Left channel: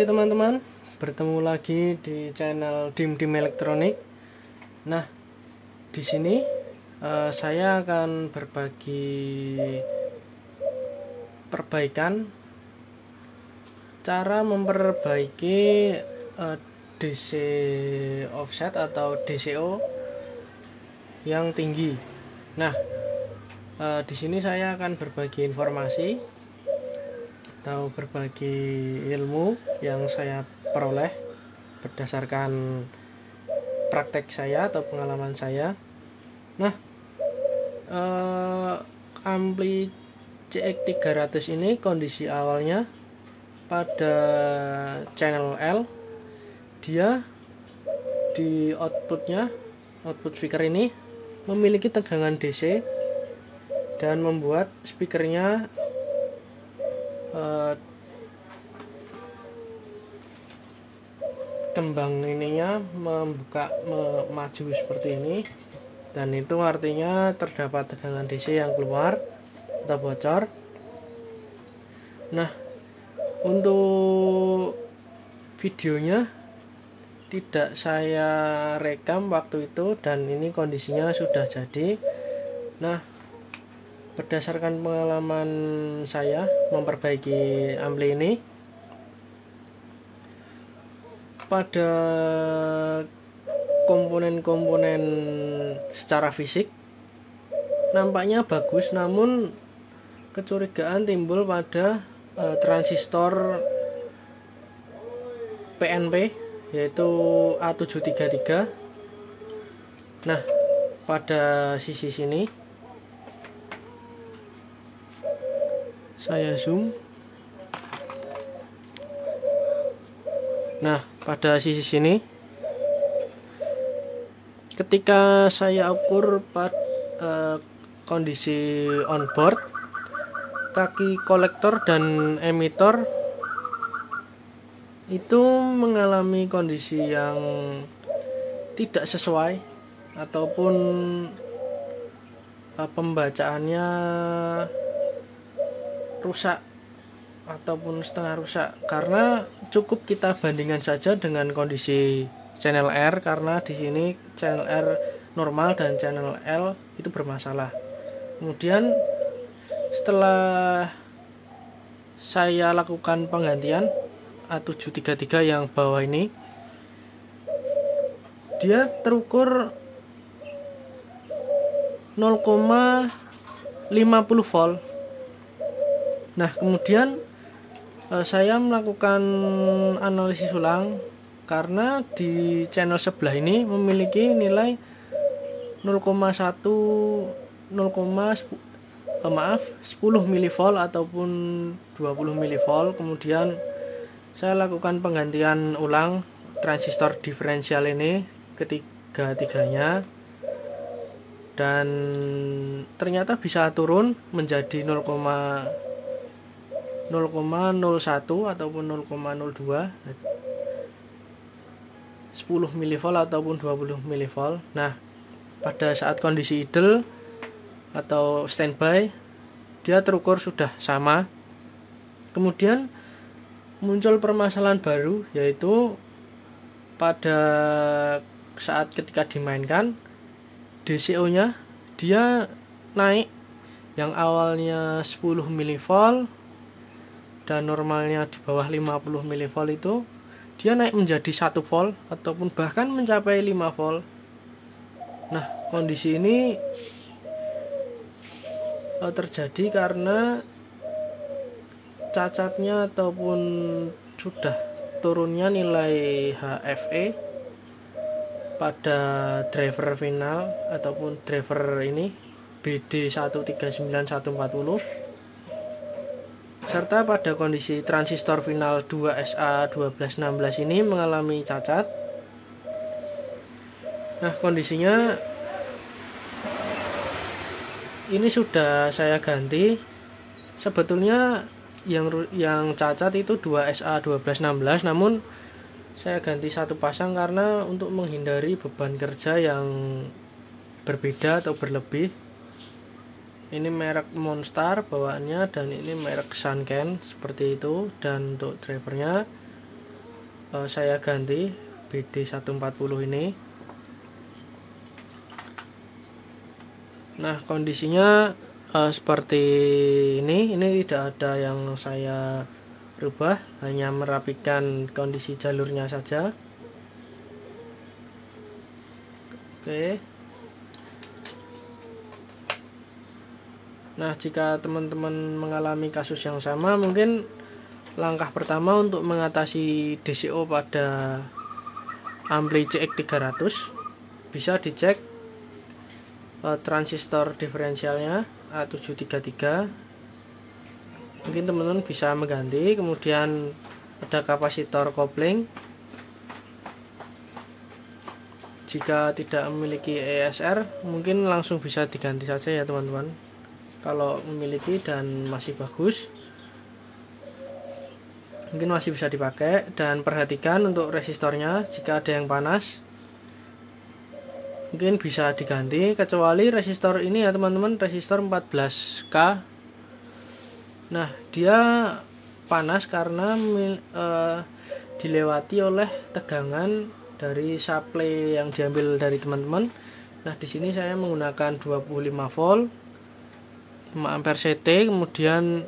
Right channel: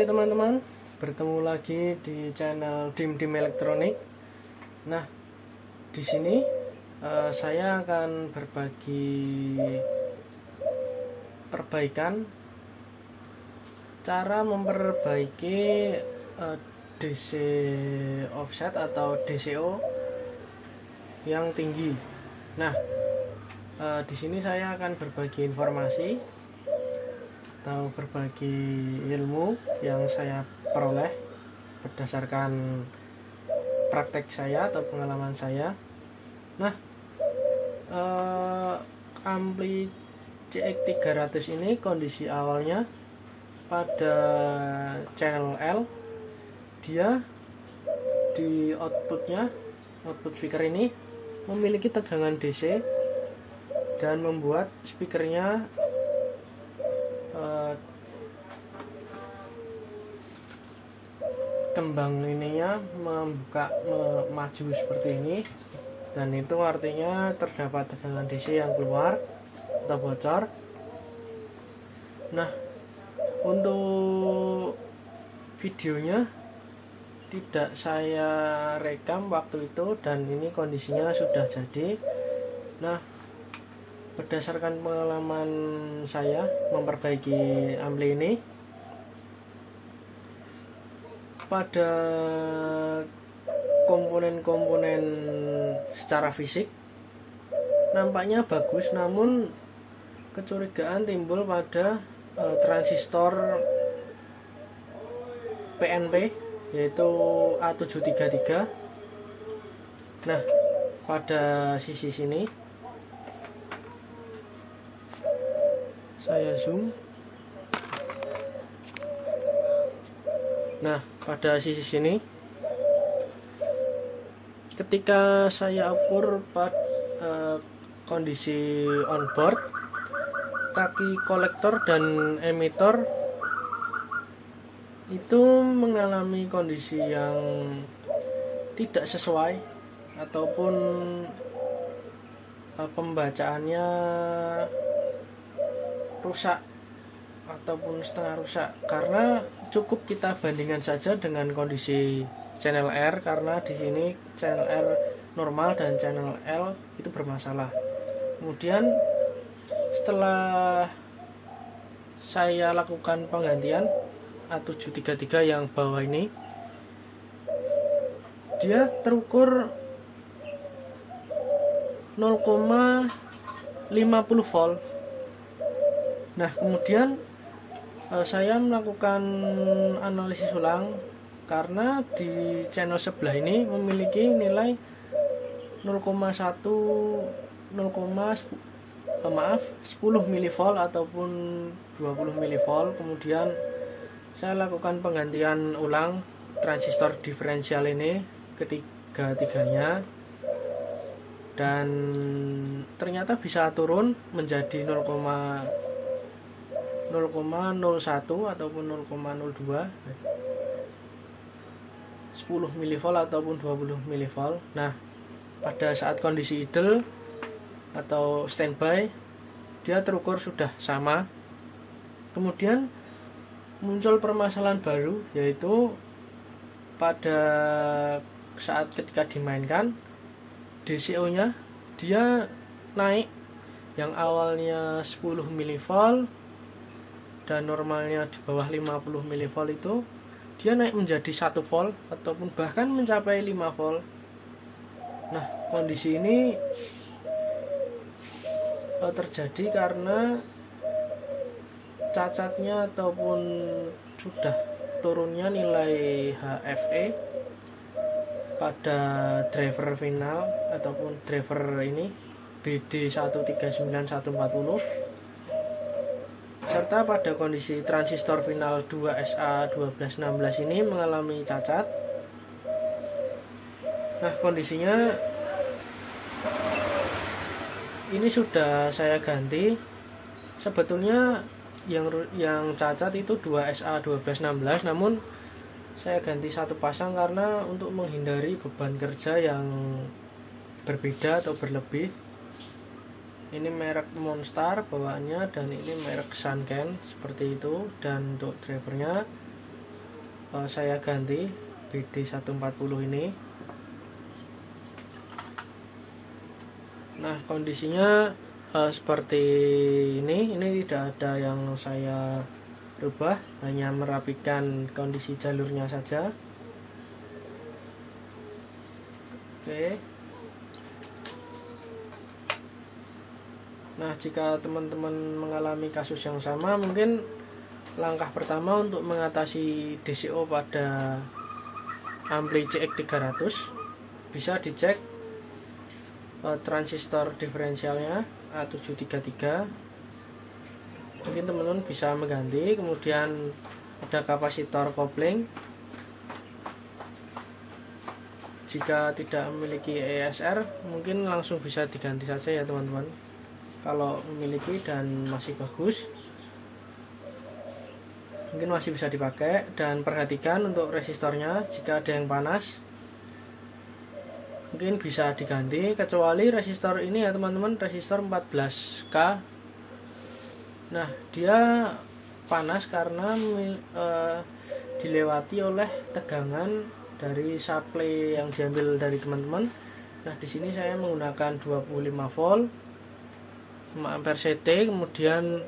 Oke teman-teman, bertemu lagi di channel Dim Dim Elektronik. Nah, di sini saya akan berbagi perbaikan cara memperbaiki DC offset atau DCO yang tinggi. Nah, di sini saya akan berbagi informasi atau berbagi ilmu yang saya peroleh berdasarkan praktek saya atau pengalaman saya. Nah, ampli CX300 ini kondisi awalnya pada channel L, dia di output speaker ini memiliki tegangan DC dan membuat speakernya kembang ininya maju seperti ini, dan itu artinya terdapat tegangan DC yang keluar atau bocor. Nah, untuk videonya tidak saya rekam waktu itu, dan ini kondisinya sudah jadi. Nah, berdasarkan pengalaman saya memperbaiki ampli ini, pada komponen-komponen secara fisik nampaknya bagus, namun kecurigaan timbul pada transistor PNP, yaitu A733. Nah, pada sisi sini saya zoom. Nah, pada sisi sini ketika saya ukur kondisi onboard, kaki kolektor dan emitor itu mengalami kondisi yang tidak sesuai, ataupun pembacaannya rusak ataupun setengah rusak, karena cukup kita bandingkan saja dengan kondisi channel R, karena di sini channel R normal dan channel L itu bermasalah. Kemudian setelah saya lakukan penggantian A733 yang bawah ini, dia terukur 0,50 volt. Nah, kemudian saya melakukan analisis ulang, karena di channel sebelah ini memiliki nilai 10 mV ataupun 20 mV. Kemudian saya lakukan penggantian ulang transistor diferensial ini ketiga-tiganya, dan ternyata bisa turun menjadi 0,01 ataupun 0,02, 10 mV ataupun 20 mV. Nah, pada saat kondisi idle atau standby, dia terukur sudah sama. Kemudian muncul permasalahan baru, yaitu pada saat ketika dimainkan DCO nya dia naik, yang awalnya 10 mV dan normalnya di bawah 50 mV itu dia naik menjadi 1 volt ataupun bahkan mencapai 5 volt. Nah, kondisi ini terjadi karena cacatnya ataupun sudah turunnya nilai HFE pada driver final ataupun driver ini BD139140, serta pada kondisi transistor final 2SA1216 ini mengalami cacat. Nah, kondisinya ini sudah saya ganti. Sebetulnya yang cacat itu 2SA1216, namun saya ganti satu pasang karena untuk menghindari beban kerja yang berbeda atau berlebih. Ini merek Monstar bawaannya, dan ini merek Sanken seperti itu. Dan untuk drivernya saya ganti BD140 ini. Nah, kondisinya seperti ini tidak ada yang saya rubah, hanya merapikan kondisi jalurnya saja. Oke. Nah, jika teman-teman mengalami kasus yang sama, mungkin langkah pertama untuk mengatasi DCO pada ampli CX300 bisa dicek transistor diferensialnya A733. Mungkin teman-teman bisa mengganti. Kemudian ada kapasitor kopling. Jika tidak memiliki ESR, mungkin langsung bisa diganti saja ya teman-teman. Kalau memiliki dan masih bagus, mungkin masih bisa dipakai. Dan perhatikan untuk resistornya, jika ada yang panas mungkin bisa diganti, kecuali resistor ini ya teman-teman, resistor 14K. Nah, dia panas karena dilewati oleh tegangan dari supply yang diambil dari teman-teman. Nah, di sini saya menggunakan 25 volt 5 ampere CT, kemudian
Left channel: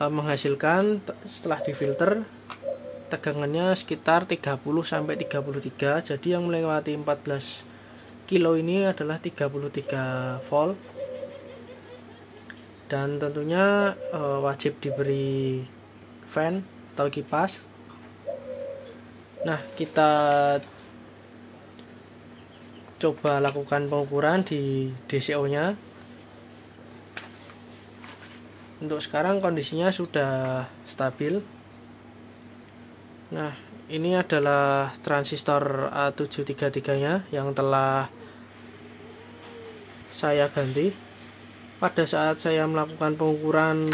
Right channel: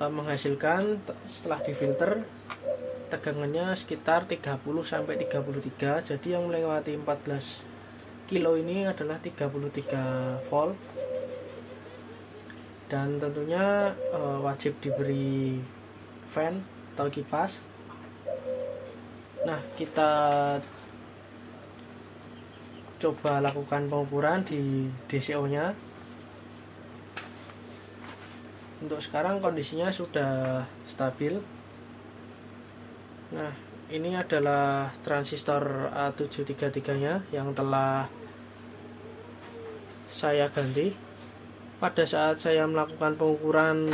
menghasilkan setelah difilter tegangannya sekitar 30 sampai 33. Jadi yang melewati 14 kilo ini adalah 33 volt. Dan tentunya wajib diberi fan atau kipas. Nah, kita coba lakukan pengukuran di DCO nya. Untuk sekarang kondisinya sudah stabil. Nah, ini adalah transistor A733 nya yang telah saya ganti. Pada saat saya melakukan pengukuran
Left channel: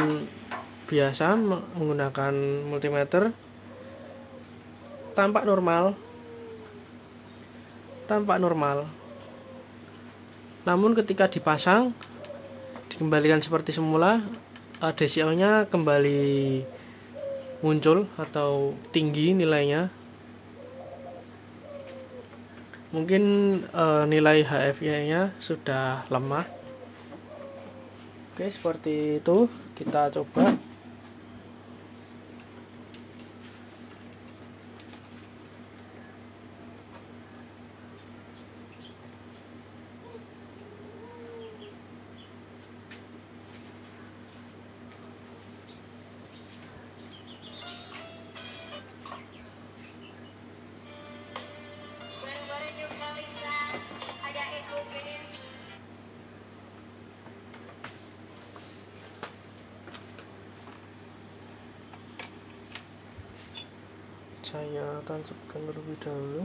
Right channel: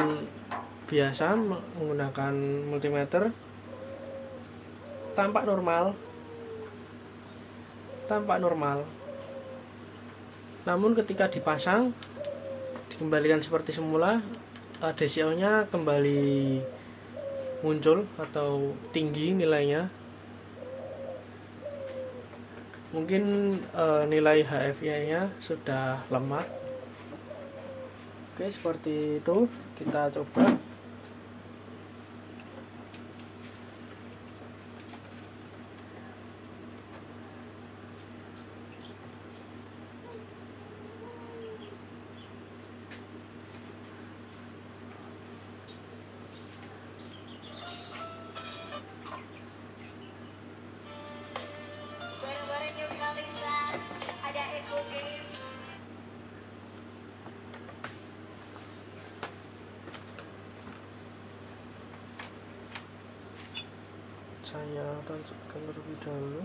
biasa menggunakan multimeter, tampak normal. Namun ketika dipasang, dikembalikan seperti semula, DCO nya kembali muncul atau tinggi nilainya. Mungkin nilai HFI nya sudah lemah. Oke, seperti itu. Kita coba. Saya tancapkan terlebih dahulu.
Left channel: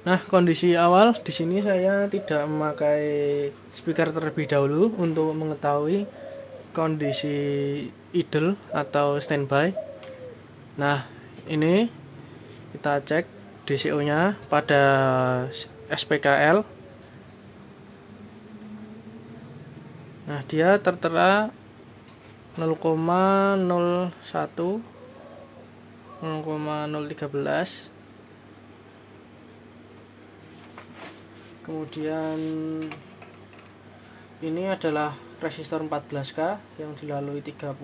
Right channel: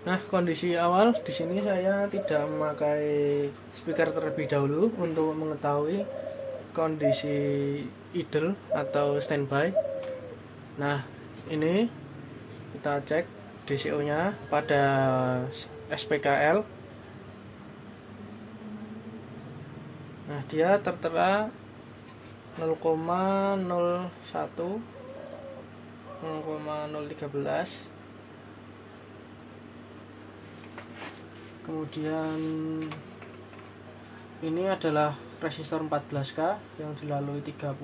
Nah, kondisi awal di sini saya tidak memakai speaker terlebih dahulu untuk mengetahui kondisi idle atau standby. Nah, ini kita cek DCO-nya pada SPKL. Nah, dia tertera 0,01 0,013. Kemudian ini adalah resistor 14K yang dilalui 30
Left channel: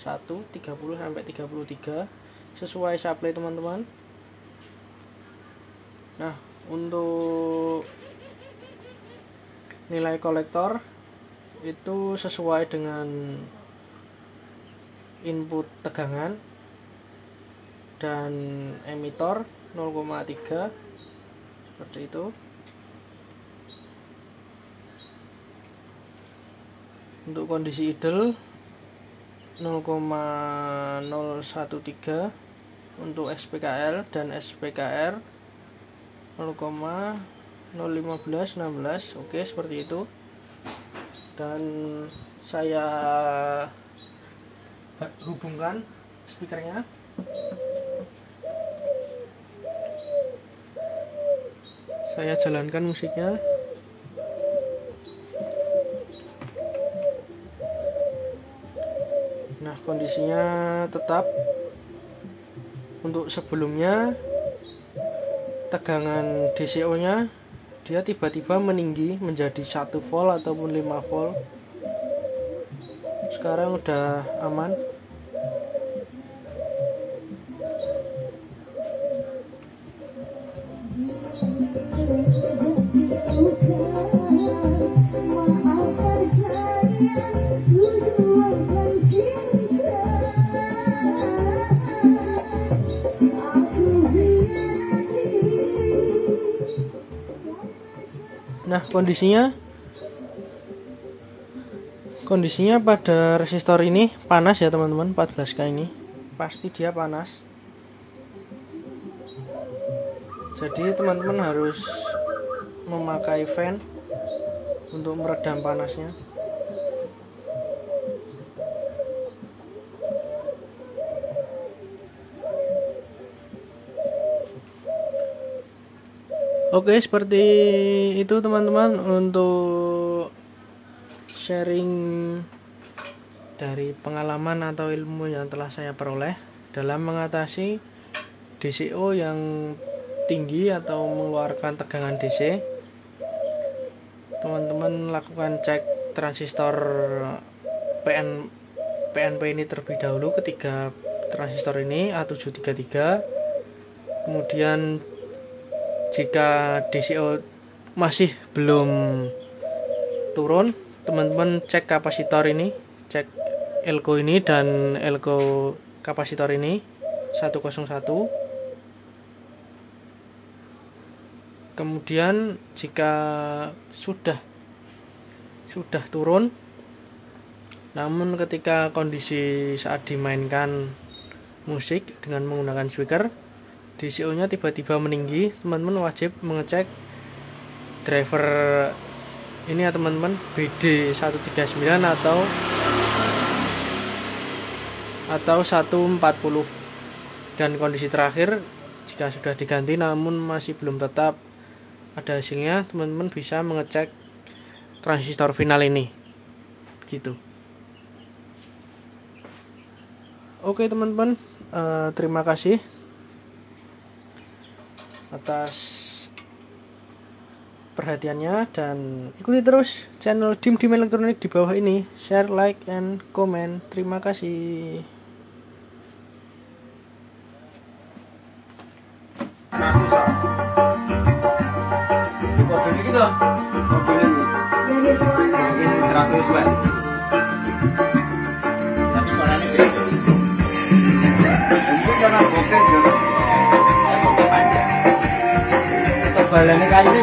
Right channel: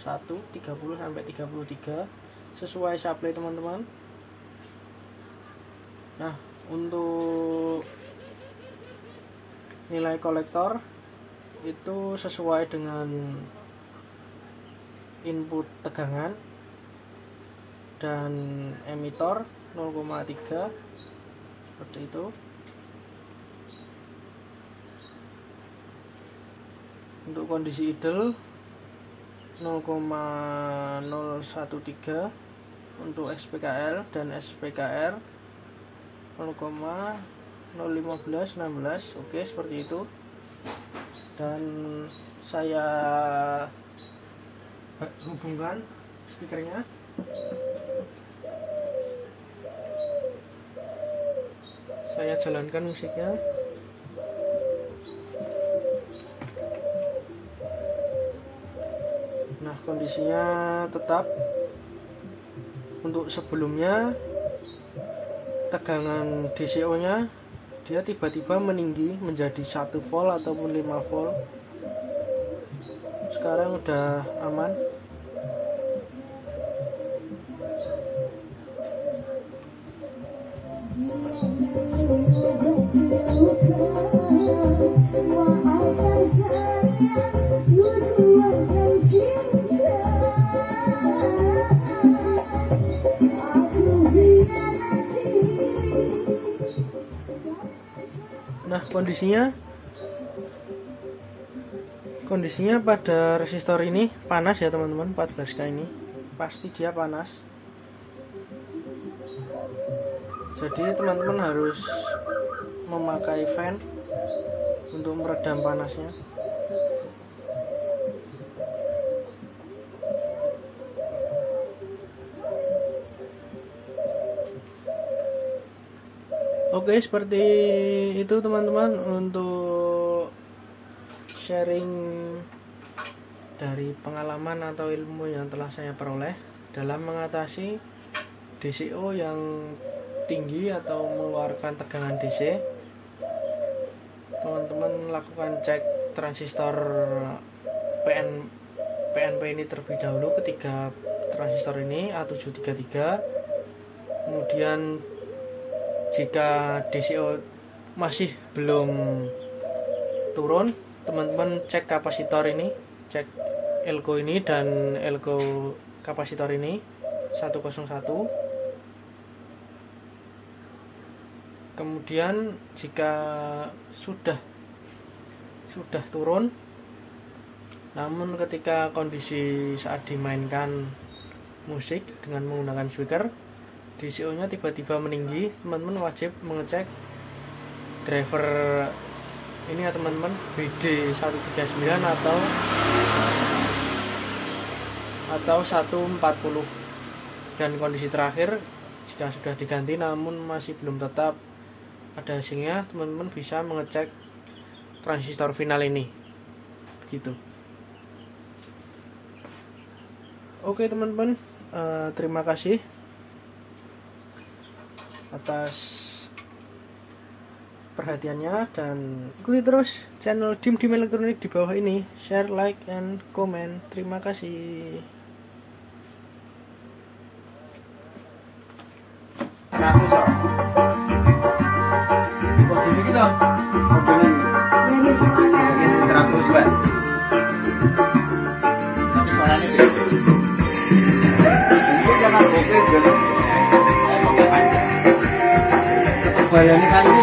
sampai 33 sesuai supply teman-teman. Nah, untuk nilai kolektor itu sesuai dengan input tegangan, dan emitor 0,3 seperti itu. Untuk kondisi idle 0,013 untuk SPKL dan SPKR 0,01516. Oke, seperti itu. Dan saya hubungkan speakernya. Saya jalankan musiknya. Nah, kondisinya tetap. Untuk sebelumnya tegangan DCO nya dia tiba-tiba meninggi menjadi 1 volt ataupun 5 volt. Sekarang udah aman. Nah, kondisinya pada resistor ini panas ya teman-teman. 14K ini pasti dia panas. Jadi teman-teman harus memakai fan untuk meredam panasnya. Oke, seperti itu teman-teman untuk sharing dari pengalaman atau ilmu yang telah saya peroleh dalam mengatasi DCO yang tinggi atau mengeluarkan tegangan DC. Teman-teman lakukan cek transistor PNP ini terlebih dahulu, ketiga transistor ini A733. Kemudian jika DCO masih belum turun, teman-teman cek kapasitor ini, cek elko ini dan elko kapasitor ini 101. Kemudian jika sudah turun, namun ketika kondisi saat dimainkan musik dengan menggunakan speaker, DCO nya tiba-tiba meninggi, teman-teman wajib mengecek driver ini ya teman-teman, BD139 atau 140. Dan kondisi terakhir, jika sudah diganti namun masih belum tetap ada hasilnya, teman-teman bisa mengecek transistor final ini begitu. Oke teman-teman, terima kasih atas perhatiannya, dan ikuti terus channel Dim Elektronik di bawah ini. Share, like, and comment. Terima kasih. Balane kayu